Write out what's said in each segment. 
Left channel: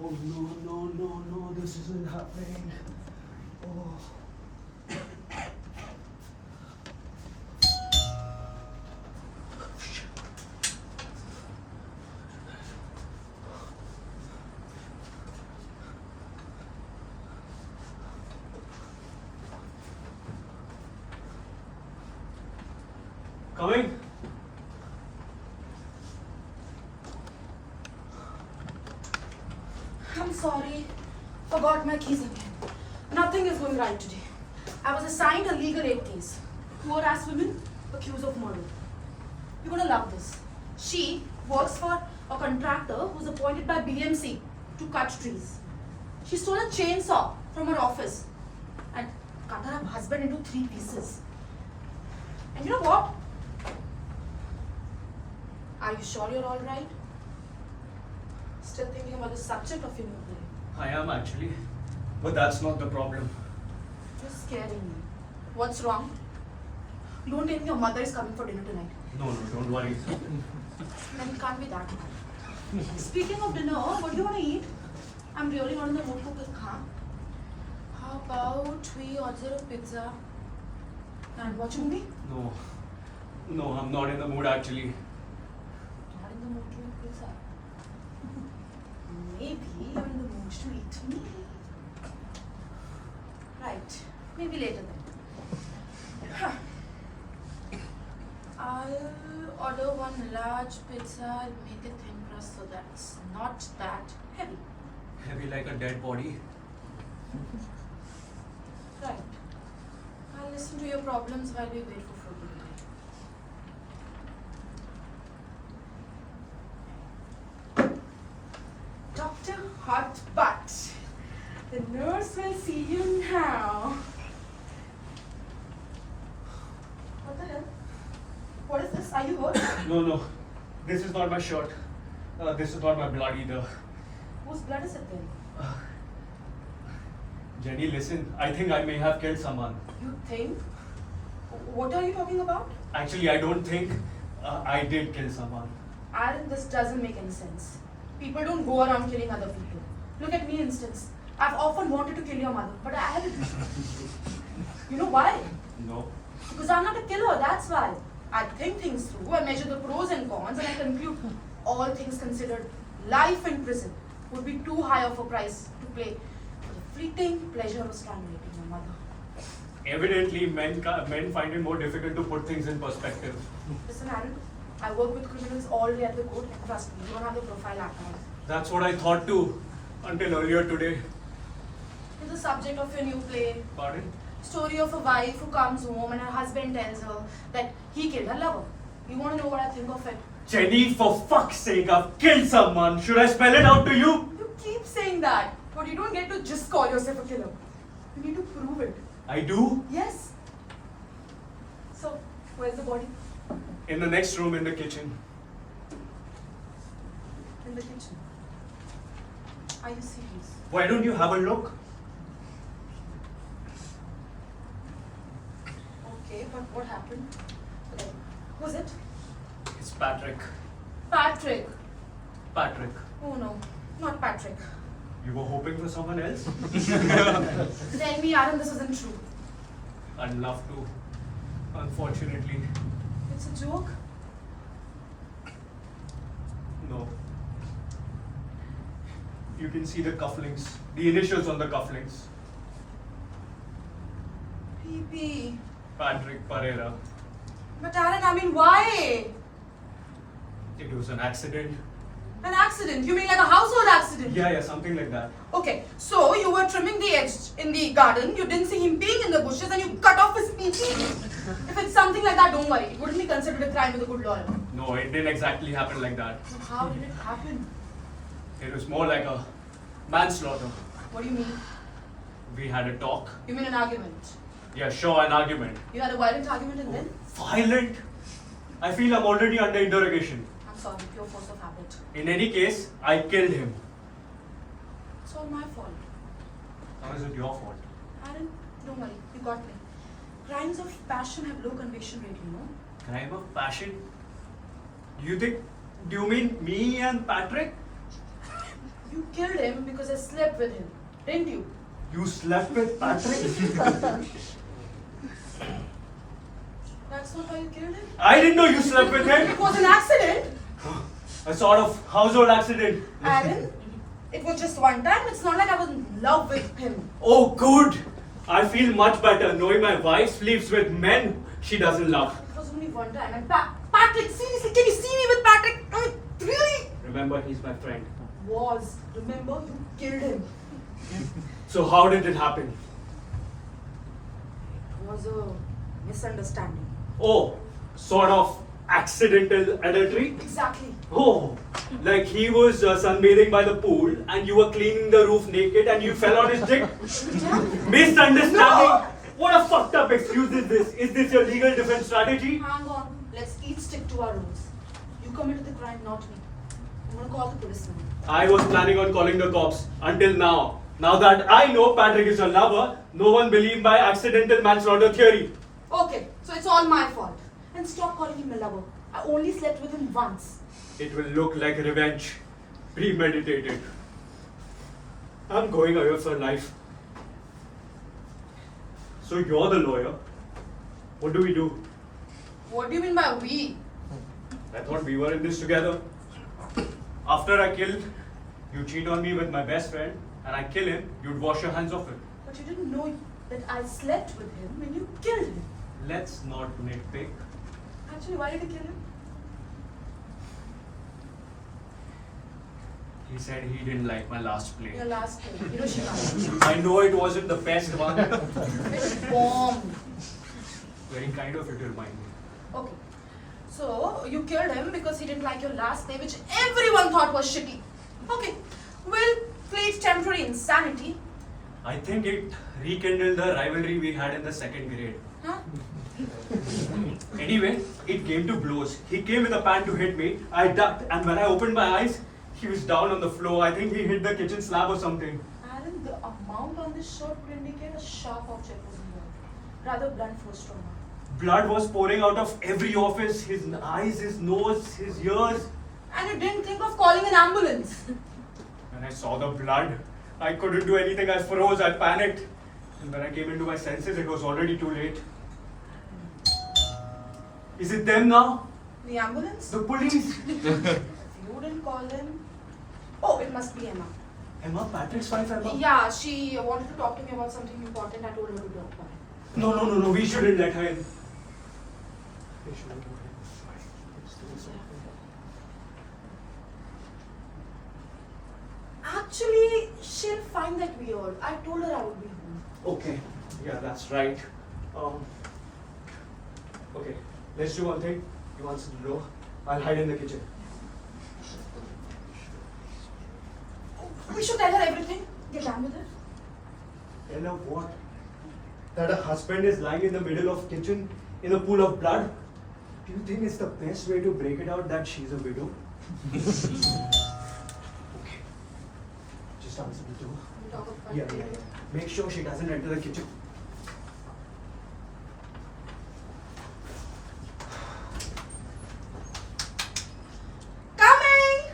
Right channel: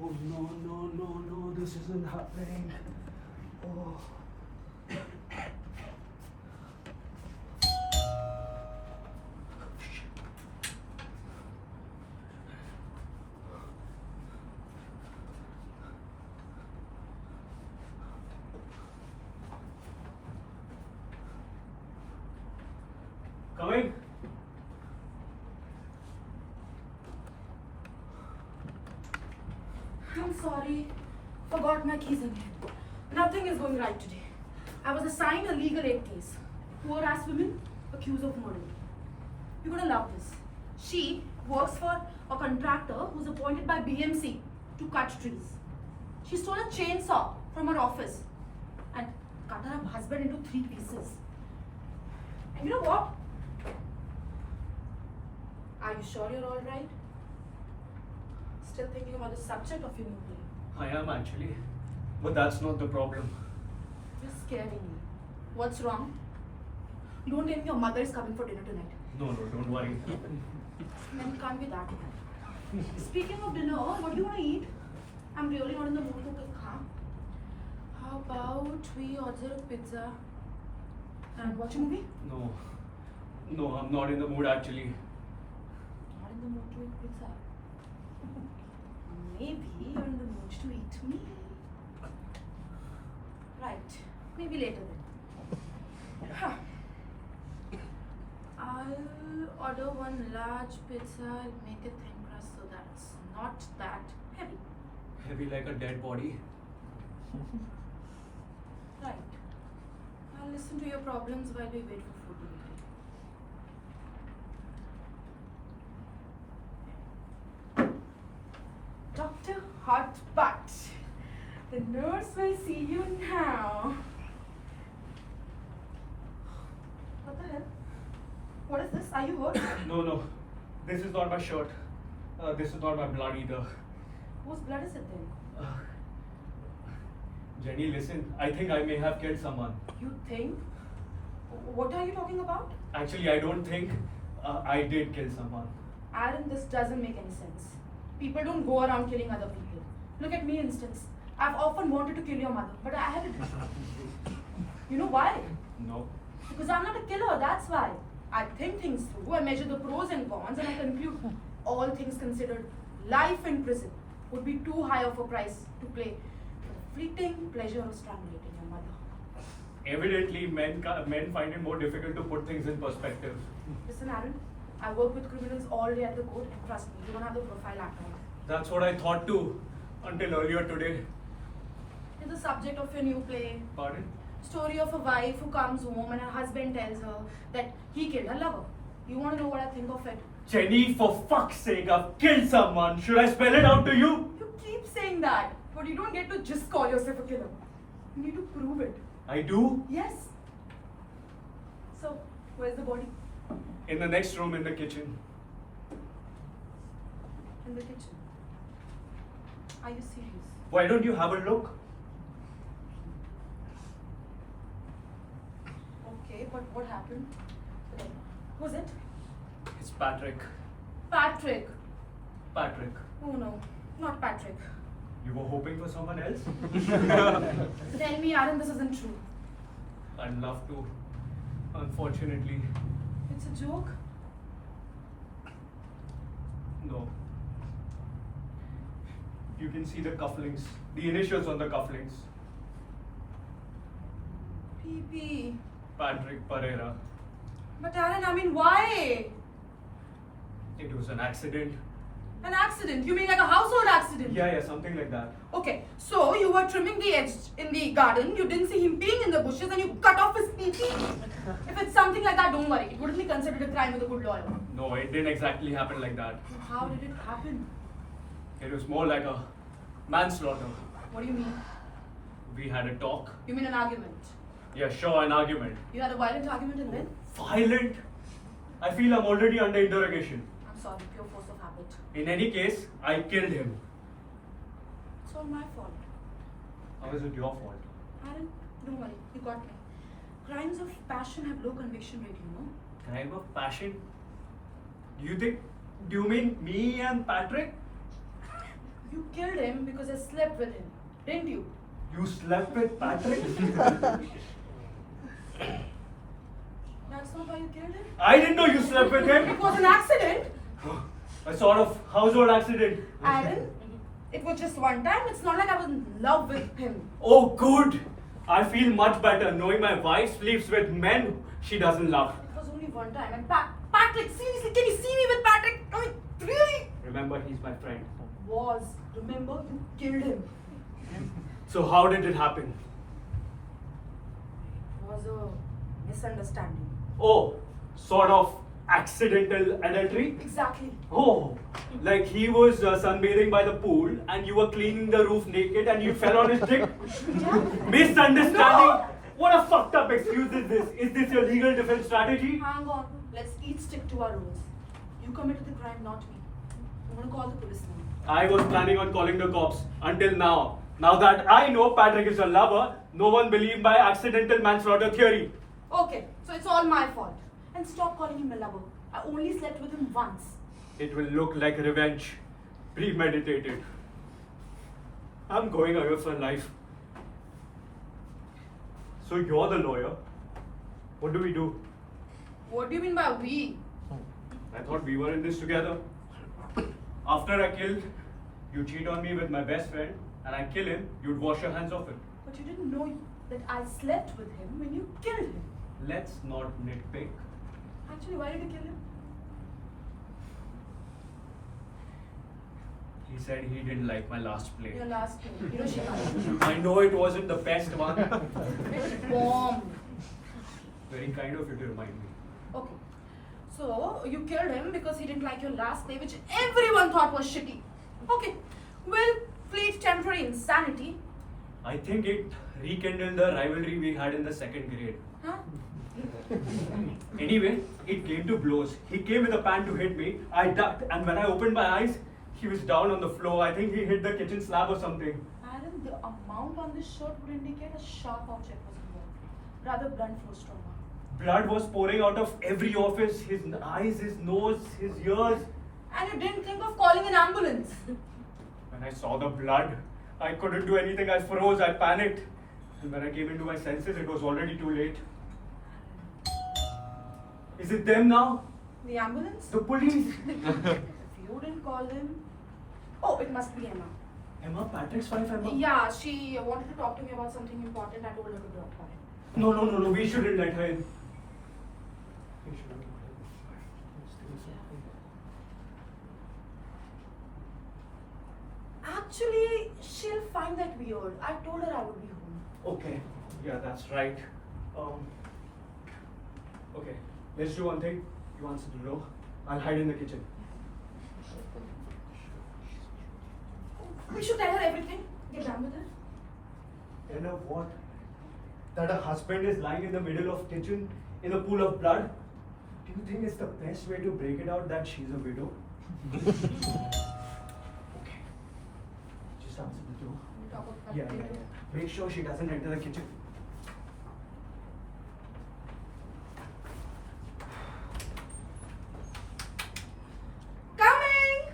Oh no, this isn't happening. Oh. Coming? I'm sorry. Forgot my keys again. Nothing is going right today. I was assigned a legal aid case. Poor ass women accused of murder. You're gonna love this. She works for a contractor who's appointed by BMC to cut trees. She stole a chainsaw from her office and cut her husband into 3 pieces. And you know what? Are you sure you're alright? Still thinking about the subject of your new play? I am actually. But that's not the problem. You're scaring me. What's wrong? Don't tell me your mother is coming for dinner tonight. No, don't worry. Then can't be that bad. Speaking of dinner, what do you want to eat? I'm really not in the mood to cook, huh? How about we order a pizza and watch a movie? No, I'm not in the mood actually. Not in the mood to eat pizza. Maybe you're in the mood to eat me. Right. Maybe later then. Huh. I'll order one large pizza and make it thin crust so that it's not that heavy. Heavy like a dead body. Right. I'll listen to your problems while we wait for food delivery. Dr. Hot Butt. The nurse will see you now. What the hell? What is this? Are you hurt? No. This is not my shirt. This is not my blood either. Whose blood is it then? Jenny, listen. I think I may have killed someone. You think? What are you talking about? Actually, I don't think I did kill someone. Aaron, this doesn't make any sense. People don't go around killing other people. Look at me, instance. I've often wanted to kill your mother, but I haven't. You know why? No. Because I'm not a killer, that's why. I think things through, I measure the pros and cons, and I conclude, all things considered, life in prison would be too high of a price to pay for the fleeting pleasure of strangulating your mother. Evidently, men find it more difficult to put things in perspective. Listen, Aaron, I work with criminals all day at the court, and trust me, you don't have the profile act on it. That's what I thought too, until earlier today. It's the subject of your new play. Pardon? Story of a wife who comes home and her husband tells her that he killed her lover. You want to know what I think of it? Jenny, for fuck's sake, I've killed someone. Should I spell it out to you? You keep saying that, but you don't get to just call yourself a killer. You need to prove it. I do? Yes. So, where's the body? In the next room in the kitchen. In the kitchen. Are you serious? Why don't you have a look? Okay, but what happened? Okay. Who's it? It's Patrick. Patrick. Patrick. Oh no, not Patrick. You were hoping for someone else? Tell me, Aaron, this isn't true. I'd love to. Unfortunately, It's a joke? no. You can see the cufflinks, the initials on the cufflinks. PP. Patrick Pereira. But Aaron, I mean, why? It was an accident. An accident? You mean like a household accident? Yeah, something like that. Okay, so you were trimming the edge in the garden, you didn't see him peeing in the bushes, and you cut off his PP. If it's something like that, don't worry. It wouldn't be considered a crime with a good lawyer. No, it didn't exactly happen like that. So how did it happen? It was more like a manslaughter. What do you mean? We had a talk. You mean an argument? Yeah, sure, an argument. You had a violent argument and then? Violent? I feel I'm already under interrogation. I'm sorry, pure force of habit. In any case, I killed him. It's all my fault. How is it your fault? Aaron, don't worry, you got me. Crimes of passion have low conviction rate, you know? Crime of passion? Do you mean me and Patrick? You killed him because I slept with him, didn't you? You slept with Patrick? That's not why you killed him? I didn't know you slept with him. It was an accident. A sort of household accident. Aaron, it was just one time. It's not like I was in love with him. Oh, good. I feel much better knowing my wife sleeps with men she doesn't love. It was only one time. And Patrick, seriously, can you see me with Patrick? I mean, really? Remember, he's my friend. Remember, you killed him. So how did it happen? It was a misunderstanding. Oh, sort of accidental adultery? Exactly. Oh, like he was sunbathing by the pool and you were cleaning the roof naked and you fell on his dick? Yeah. Misunderstanding? No. What a fucked up excuse is this? Is this your legal defense strategy? Hang on. Let's each stick to our roles. You committed the crime, not me. I'm gonna call the police now. I was planning on calling the cops until now. Now that I know Patrick is a lover, no one believed my accidental manslaughter theory. Okay, so it's all my fault. And stop calling him a lover. I only slept with him once. It will look like revenge. Premeditated. I'm going away for life. So you're the lawyer. What do we do? What do you mean by we? I thought we were in this together. After I killed, you cheat on me with my best friend, and I kill him, you'd wash your hands of it. But you didn't know that I slept with him when you killed him. Let's not nitpick. Actually, why did you kill him? He said he didn't like my last play. Your last kill. Hiroshima. I know it wasn't the best one. It bombed. Very kind of you to remind me. Okay. So, you killed him because he didn't like your last play, which everyone thought was shitty. Okay. We'll plead temporary insanity. I think it rekindled the rivalry we had in the second grade. Huh? Anyway, it came to blows. He came with a pan to hit me. I ducked, and when I opened my eyes, he was down on the floor. I think he hit the kitchen slab or something. Aaron, the amount on this shirt would indicate a sharp object was involved. Rather blunt force trauma. Blood was pouring out of every orifice, his eyes, his nose, his ears. And you didn't think of calling an ambulance. When I saw the blood, I couldn't do anything. I froze, I panicked. And when I came into my senses, it was already too late. Is it them now? The ambulance? The police? If you didn't call them... Oh, it must be Emma. Emma? Patrick's wife, Emma? Yeah, she wanted to talk to me about something important. I told her to drop by. No. We shouldn't let her in. We shouldn't let her in. Actually, she'll find that weird. I told her I would be home. Okay. Yeah, that's right. Okay. Let's do one thing. You answer the door. I'll hide in the kitchen. We should tell her everything. Get done with it. You know what? That a husband is lying in the middle of kitchen in a pool of blood? Do you think it's the best way to break it out that she's a widow? Okay. Just answer the door. We'll talk about Yeah. it later. Make sure she doesn't enter the kitchen. Coming!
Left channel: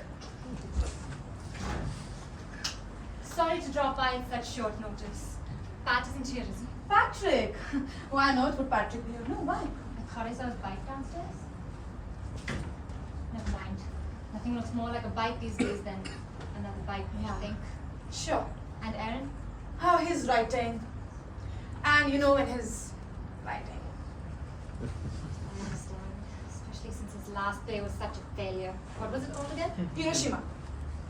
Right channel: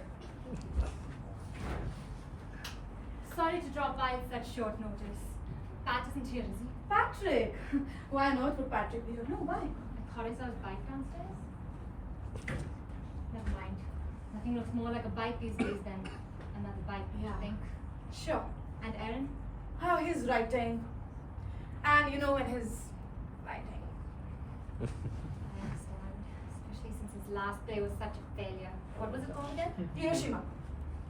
Sorry to drop by at such short notice. Pat isn't here, is he? Patrick! Why on earth would Patrick be here? No, why? I thought I saw his bike downstairs. Never mind. Nothing looks more like a bike these days than another bike, Yeah. I think. Sure. And Aaron? How he's writing. And you know, in his writing. I understand. Especially since his last play was such a failure. What was it all again? Hiroshima.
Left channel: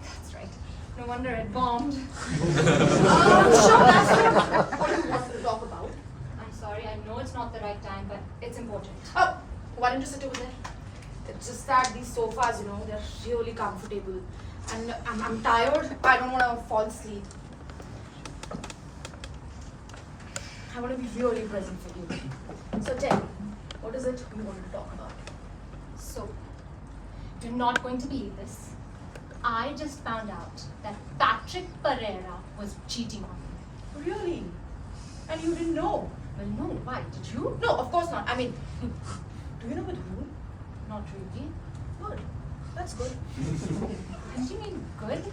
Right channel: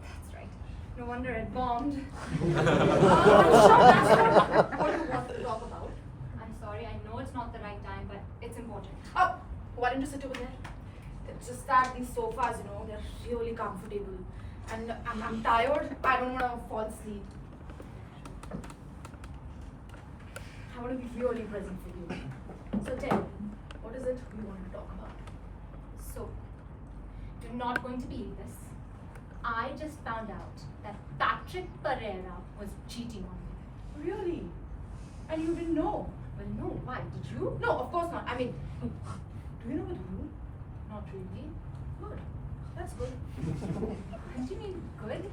That's right. No wonder it bombed. I'm sure that's not what you wanted to talk about. I'm sorry, I know it's not the right time, but it's important. Oh, why don't you sit over there? It's just that these sofas, you know, they're really comfortable. And I'm tired. I don't want to fall asleep. I want to be really present for you. So tell me, what is it you want to talk about? So, you're not going to believe this. I just found out that Patrick Pereira was cheating on me. Really? And you didn't know? Well, no, why? Did you? No, of course not. I mean, do you know with who? Not really. Good. That's good. Didn't you mean good?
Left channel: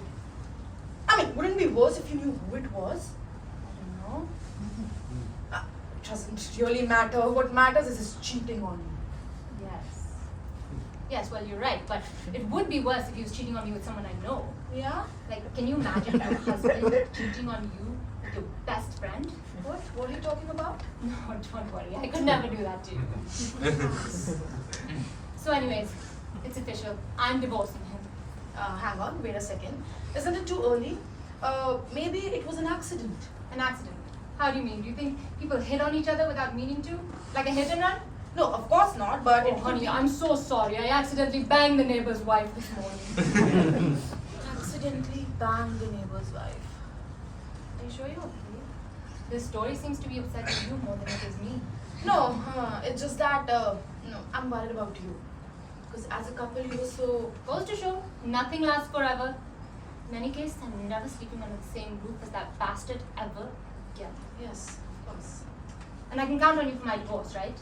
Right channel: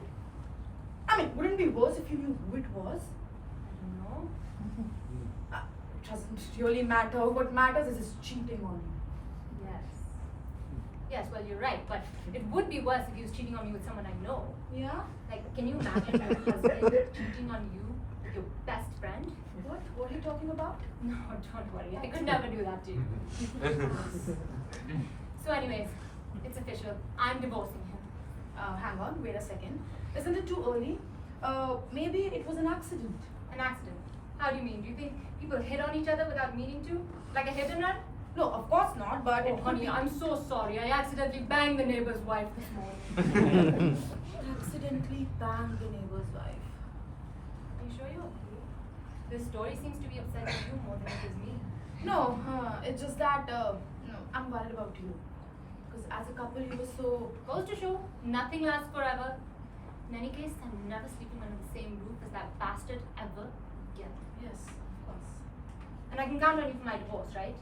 mean, wouldn't it be worse if you knew who it was? I don't know. It doesn't really matter. What matters is his cheating on me. Yes. Yes, well, you're right, but it would be worse if he was cheating on me with someone I know. Yeah? Like, can you imagine a husband cheating on you with your best friend? What? What are you talking about? No, don't worry. I could never do that to you. So anyways, it's official. I'm divorcing him. Hang on, wait a second. Isn't it too early? Maybe it was an accident. An accident. How do you mean? Do you think people hit on each other without meaning to? Like a hit and run? No, of course not, but Oh, honey, I'm so sorry. I accidentally banged the neighbor's wife this morning. accidentally banged the neighbor's wife. Are you sure you want proof? This story seems to be upsetting you more than it is me. No, it's just that, no, I'm worried about you. Because as a couple, you were so... Goes to show, nothing lasts forever. In any case, I'm never sleeping under the same roof as that bastard ever again. Yes, of course. And I can count on you for my divorce, right?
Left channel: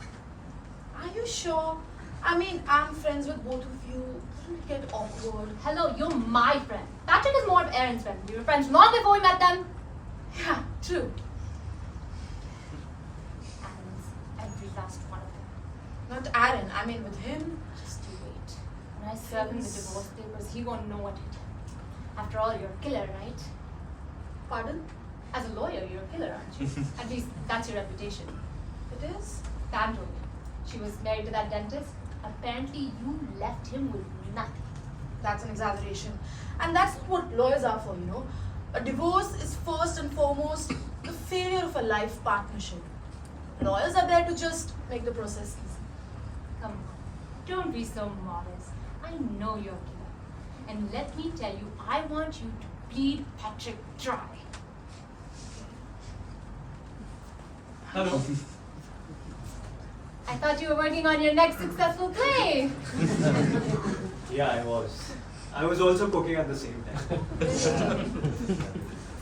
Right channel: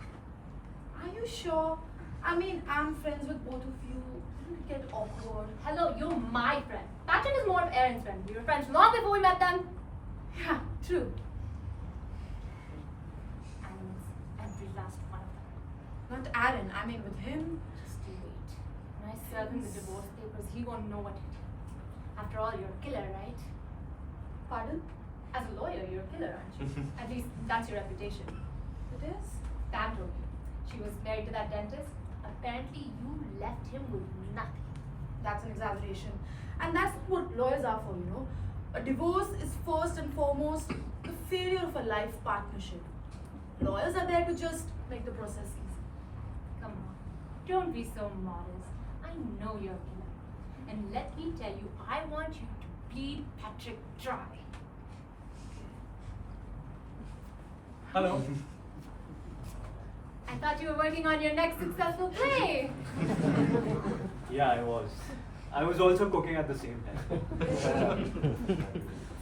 Are you sure? I mean, I'm friends with both of you. Wouldn't it get awkward? Hello, you're my friend. Patrick is more of Aaron's friend. We were friends long before we met them. Yeah, true. Animals, every last one of them. Not Aaron, I mean with him. Just you wait. When I serve him the divorce papers, he won't know what hit him. After all, you're a killer, right? Pardon? As a lawyer, you're a killer, aren't you? At least that's your reputation. It is? Pam told me. She was married to that dentist. Apparently, you left him with nothing. That's an exaggeration. And that's what lawyers are for, you know. A divorce is first and foremost the failure of a life partnership. Lawyers are there to just make the process easy. Come on, don't be so modest. I know you're a killer. And let me tell you, I want you to bleed Patrick dry. Hello. I thought you were working on your next successful play. Yeah, I was. I was also cooking at the same time.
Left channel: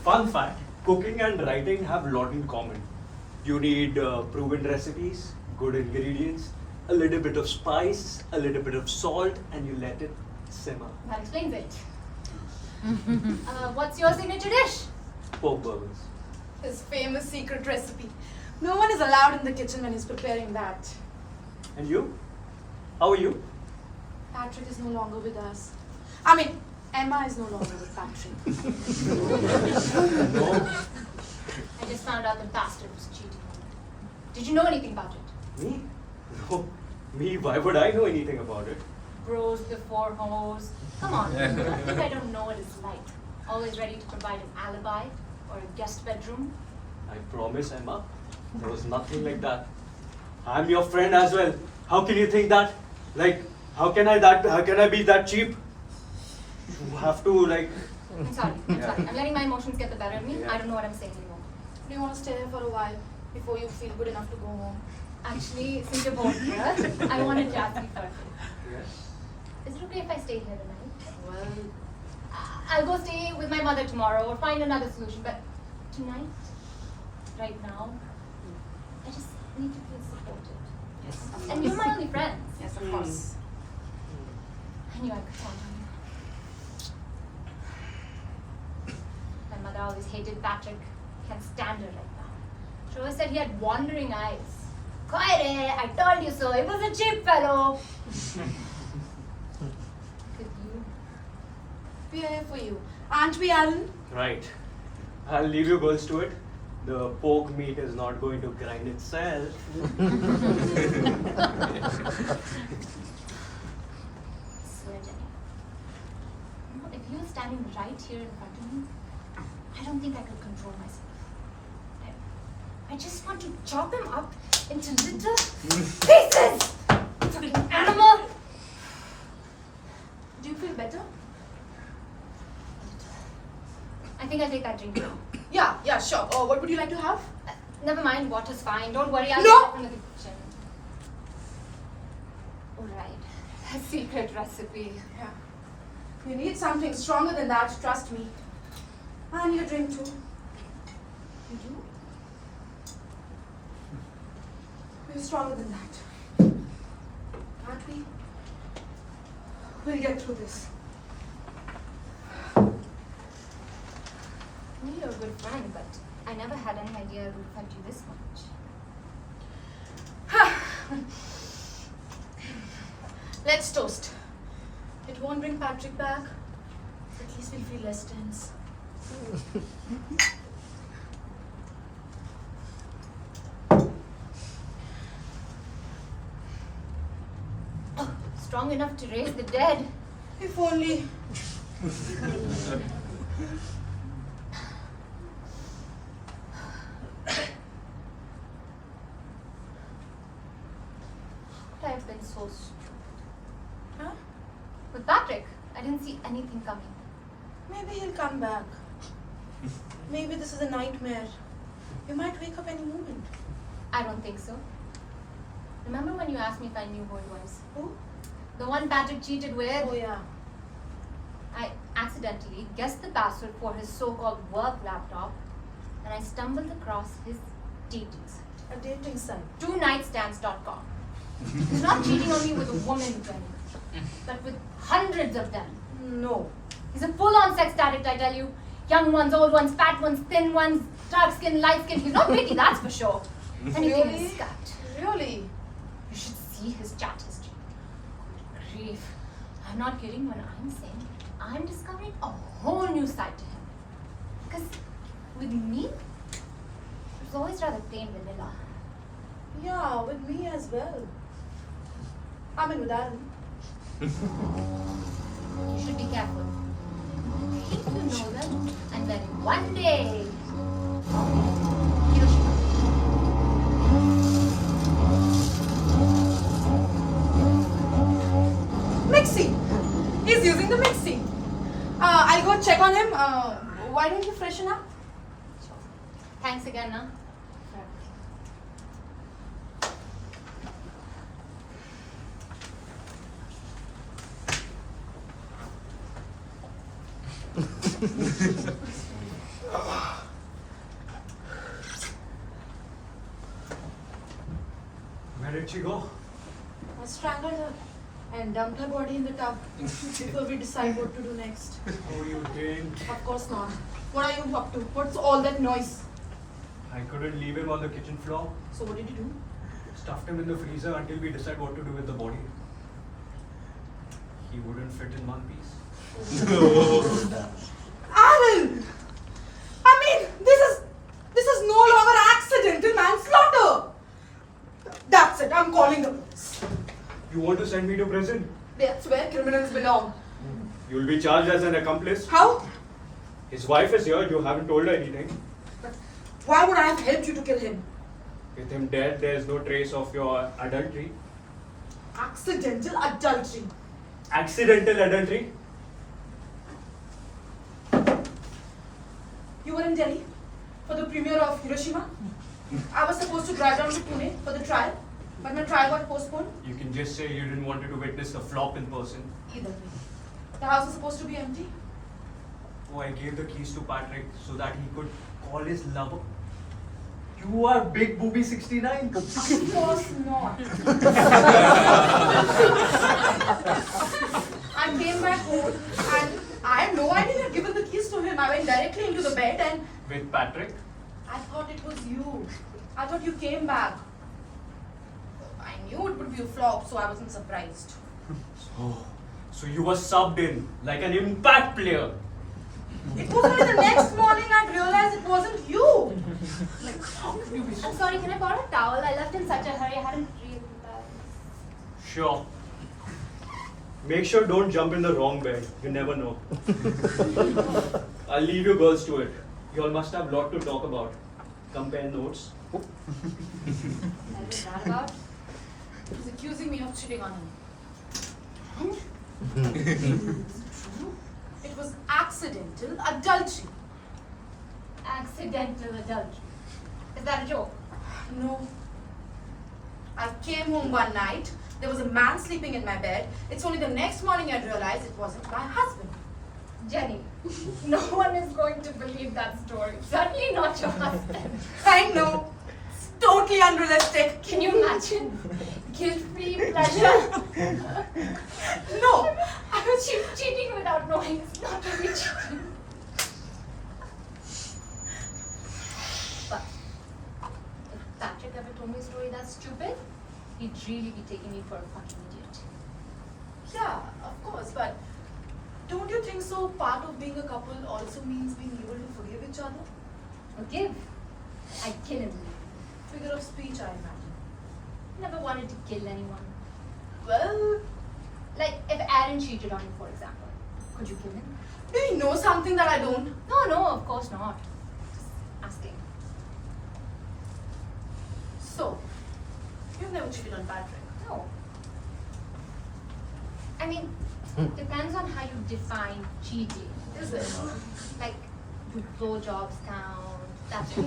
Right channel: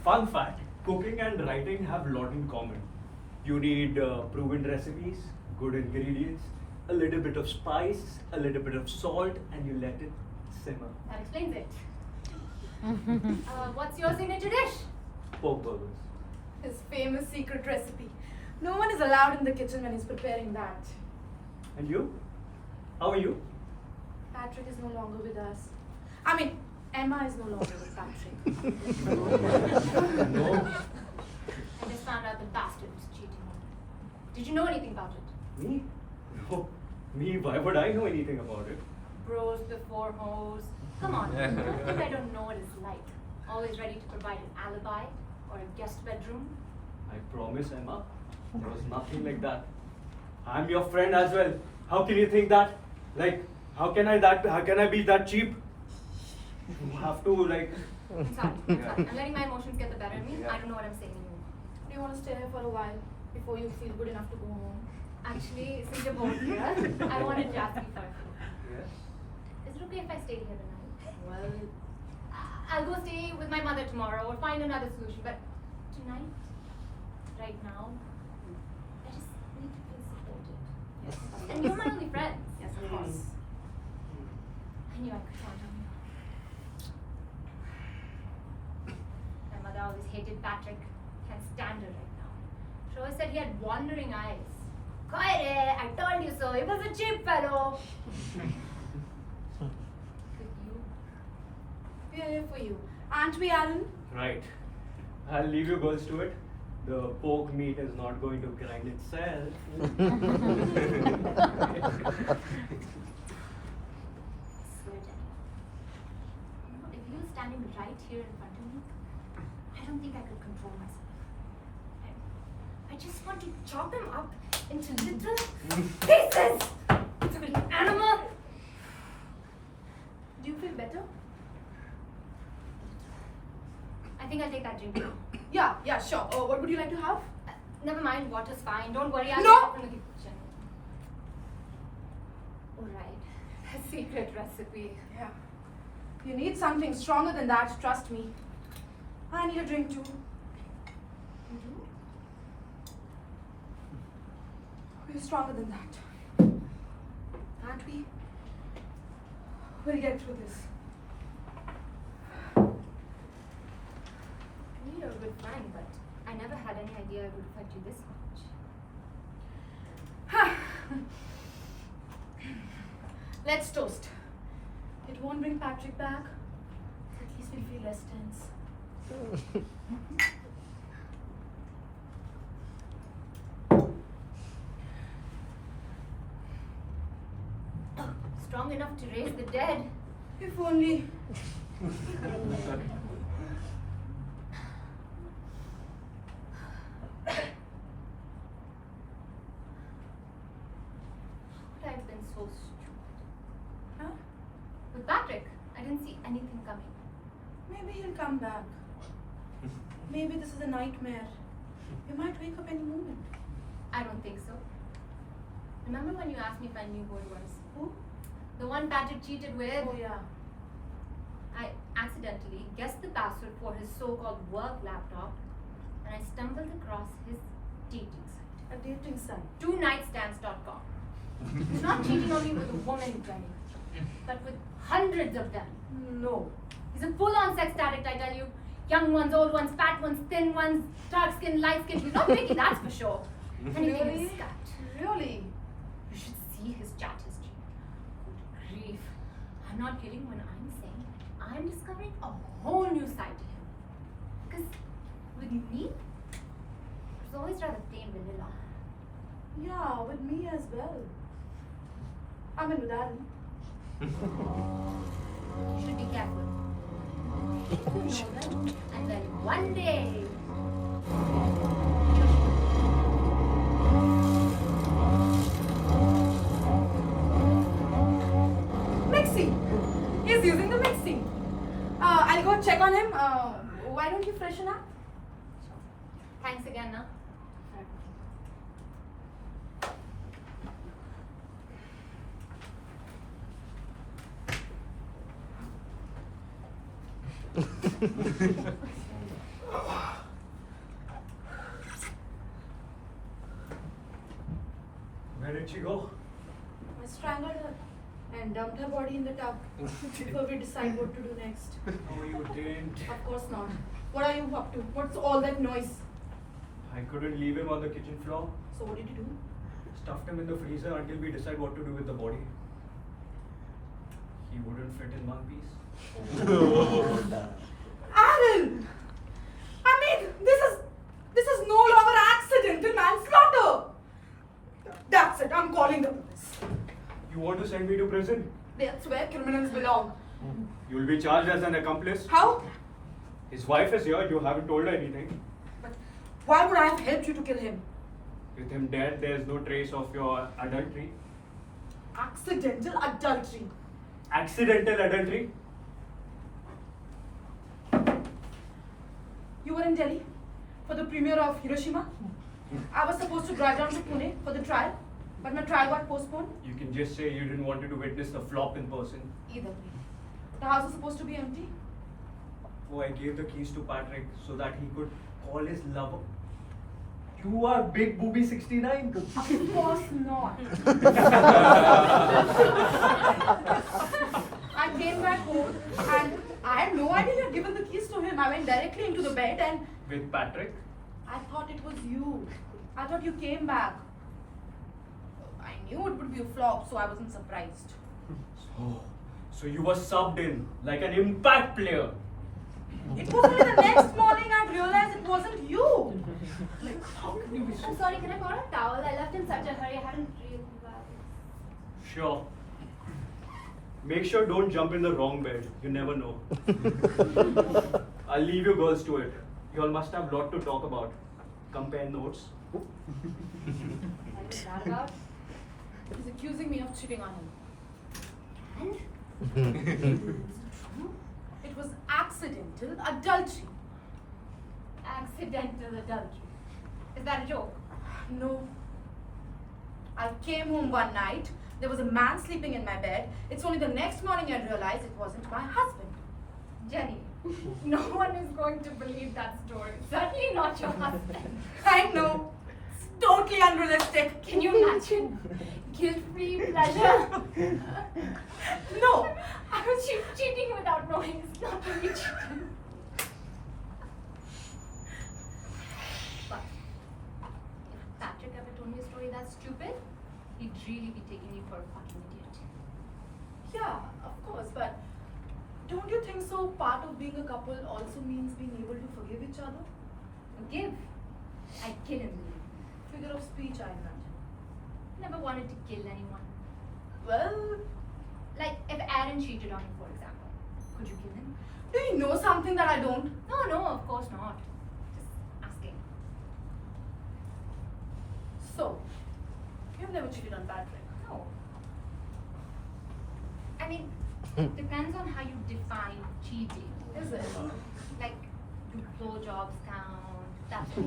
Fun fact, cooking and writing have a lot in common. You need proven recipes, good ingredients, a little bit of spice, a little bit of salt, and you let it simmer. That explains it. What's your signature dish? Pork burgers. His famous secret recipe. No one is allowed in the kitchen when he's preparing that. And you? How are you? Patrick is no longer with us. I mean, Emma is no longer with Patrick. No. I just found out the bastard was cheating on me. Did you know anything about it? Me? No. Me? Why would I know anything about it? Bros before hoes. Come on, you think I don't know what it's like. Always ready to provide an alibi or a guest bedroom. I promise, Emma. There was nothing like that. I'm your friend as well. How can you think that? Like, how can I be that cheap? You have to like. I'm sorry, I'm letting my emotions get the better of me. Yeah. I don't know what I'm saying anymore. Do you want to stay here for a while before you feel good enough to go home? Actually, since you're both here, I wanted to ask you first. Yes. Is it okay if I stay here tonight? Well, I'll go stay with my mother tomorrow or find another solution, but tonight, right now, I just need to feel supported. yes. And you're my only friend. Yes, of course. I knew I could count on you. My mother always hated Patrick. Can't stand her like that. She always said he had wandering eyes. Koire, I told you so. He was a cheap fellow. With you, We are here for you. Aren't we, Alan? Right. I'll leave you girls to it. The pork meat is not going to grind itself. I swear, Jenny. You know, if you were standing right here in front of me, I don't think I could control myself. I just want to chop him up into little pieces! Fucking animal! Do you feel better? I think I'll take that drink now. Yeah, sure. What would you like to have? Never mind, water's fine. Don't worry, I'll No! get it from the kitchen. Alright, a secret recipe. Yeah. You need something stronger than that, trust me. I need a drink too. You do? We're stronger than that. Aren't we? We'll get through this. never had any idea it would affect you this much. Let's toast. It won't bring Patrick back. At least we'll feel less tense. Oh, strong enough to raise the dead. If only. I've been so stupid. Huh? With Patrick, I didn't see anything coming. Maybe he'll come back. Maybe this is a nightmare. You might wake up any moment. I don't think so. Remember when you asked me if I knew who it was? Who? The one Patrick cheated with? Oh yeah. I accidentally guessed the password for his so-called work laptop and I stumbled across his dating site. A dating site. TwoNightstands.com. He's not cheating on me with a woman, Jenny, but with hundreds of them. No. He's a full-on sex addict, I tell you. Young ones, old ones, fat ones, thin ones, dark skin, light skin. He's not pretty, that's for sure. And he came Really? in scat. Really? You should see his chat history. Good grief. I'm not kidding when I'm saying I'm discovering a whole new side to him. Because with me, it was always rather plain vanilla. Yeah, with me as well. I mean with Aaron. You should be careful. Keep to know them, and then one day, Mixie! He's using the mixie. I'll go check on him. Why don't you freshen up? Thanks again, huh? Where did she go? I strangled her and dumped her body in the tub before we decide what to do next. Oh, you didn't. Of course not. What are you up to? What's all that noise? I couldn't leave him on the kitchen floor. So what did you do? Stuffed him in the freezer until we decide what to do with the body. He wouldn't fit in one piece. Aaron! I mean, this is no longer accidental manslaughter. That's it. I'm calling the police. You want to send me to prison? That's where criminals belong. You'll be charged as an accomplice. How? His wife is here. You haven't told her anything. But why would I have helped you to kill him? With him dead, there's no trace of your adultery. Accidental adultery. Accidental adultery? You were in Delhi for the premiere of Hiroshima. I was supposed to drive down to Pune for the trial, but my trial got postponed. You can just say you didn't want to witness the flop in person. Either way. The house was supposed to be empty. Oh, I gave the keys to Patrick so that he could call his lover. You are Big Booby 69. Of course not. I came back home and I had no idea you had given the keys to him. I went directly into the bed and With Patrick? I thought it was you. I thought you came back. I knew it would be a flop, so I wasn't surprised. So you were subbed in like an impact player. It was only the next morning I realized it wasn't you. Like, how can you be so... I'm sorry, can I borrow a towel? I left in such a hurry, I hadn't realized. Sure. Make sure don't jump in the wrong bed. You never know. I'll leave you girls to it. You all must have a lot to talk about. Compare notes. I was that about. He's accusing me of cheating on him. And? Is it true? It was accidental adultery. Accidental adultery. Is that a joke? No. I came home one night. There was a man sleeping in my bed. It's only the next morning I realized it wasn't my husband. Jenny, no one is going to believe that story. Certainly not your husband. I know. It's totally unrealistic. Can you imagine? Guilt-free pleasure. No. I was cheating without knowing. It's not really cheating. really be taking me for a fucking idiot. Yeah, of course, but don't you think so? Part of being a couple also means being able to forgive each other? Forgive? I'd kill him. Figure of speech, I imagine. Never wanted to kill anyone. Well, Like if Aaron cheated on you, for example. Could you kill him? do you know something that I don't? No, of course not. Just asking. So, you've never cheated on Patrick. No. I mean, depends on how you define cheating. Is it? Like, do blowjobs count? That's it.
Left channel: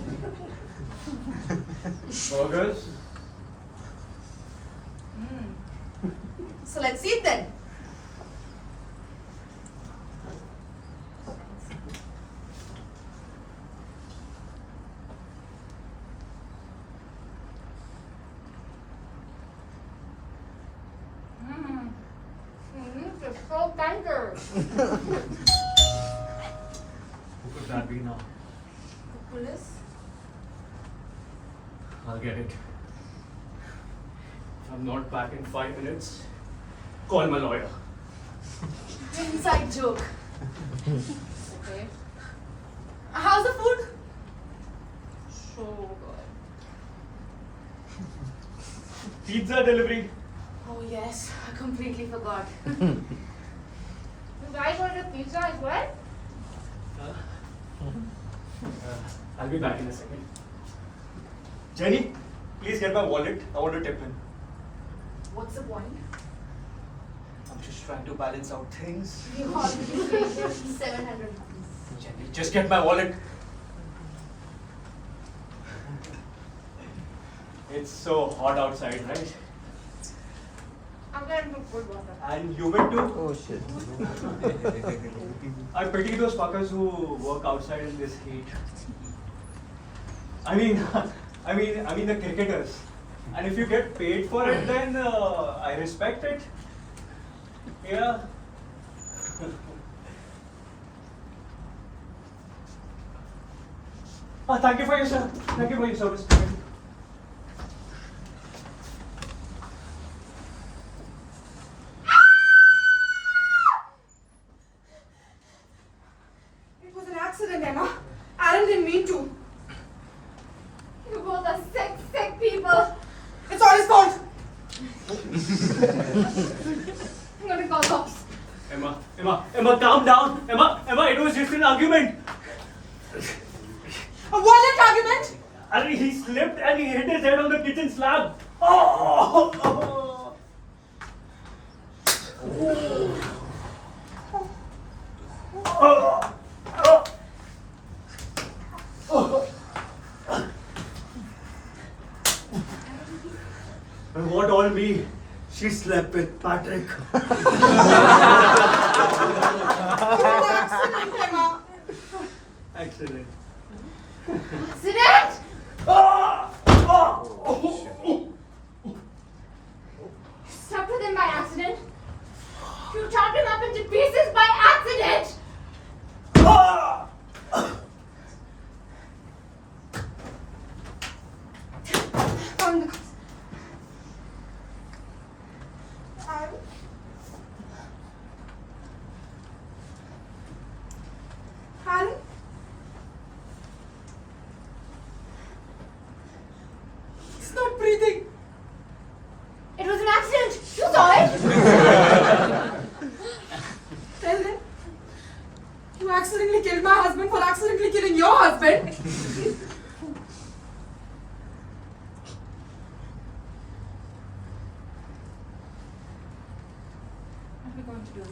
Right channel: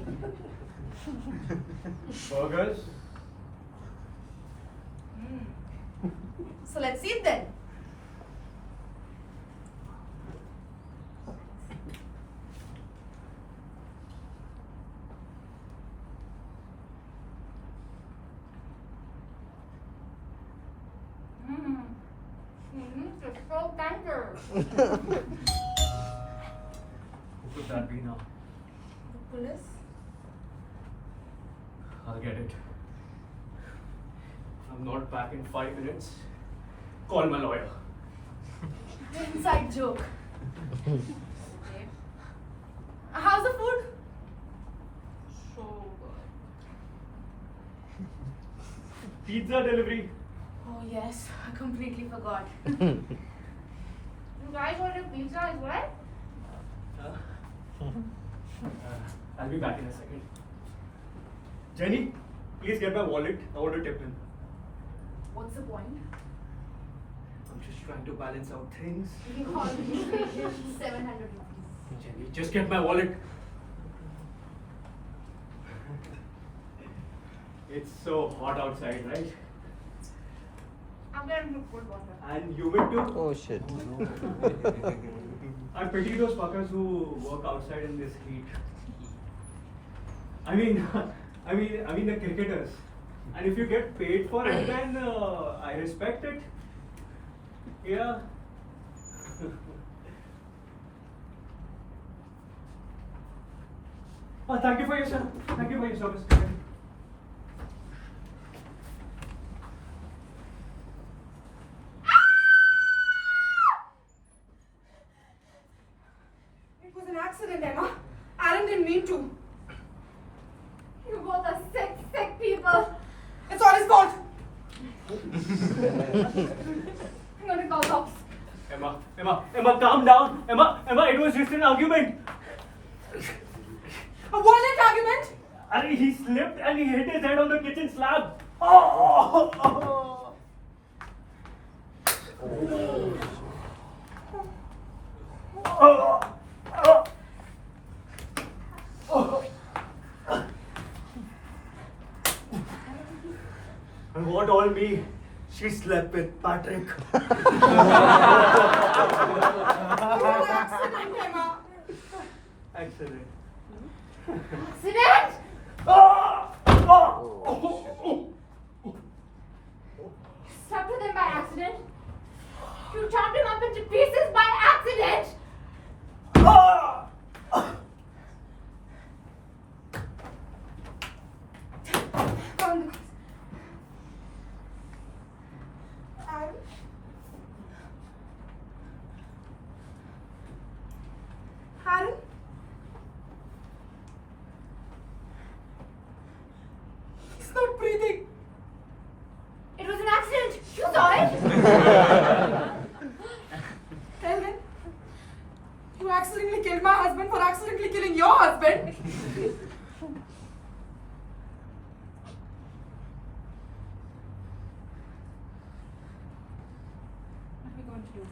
Burgers? So let's eat then. It's so tender. Who could that be now? The police? I'll get it. If I'm not back in 5 minutes, call my lawyer. Inside joke. Okay. How's the food? So good. Pizza delivery. Oh yes, I completely forgot. You guys ordered pizza as well? I'll be back in a second. Jenny, please get my wallet. I want to tip him. What's the point? I'm just trying to balance out things. We already paid him 700 rupees. Jenny, just get my wallet. It's so hot outside, right? I'm gonna make good water. And humid too. Oh shit. I pity those fuckers who work outside in this heat. I mean the cricketers. And if you get paid for it, then I respect it. Yeah. Thank you for your service. It was an accident, Emma. Aaron didn't mean to. You both are sick people. It's all his fault. I'm gonna call cops. Emma, calm down. Emma, it was just an argument. A violent argument? And he slipped and he hit his head on the kitchen slab. Oh! What all me? She slept with Patrick. It was an accident, Emma. Accident. Accident? You slept with him by accident? You chopped him up into pieces by accident? Aaron? Aaron? He's not breathing. It was an accident. You saw it? Well then, you accidentally killed my husband for accidentally killing your husband. What are we going to do?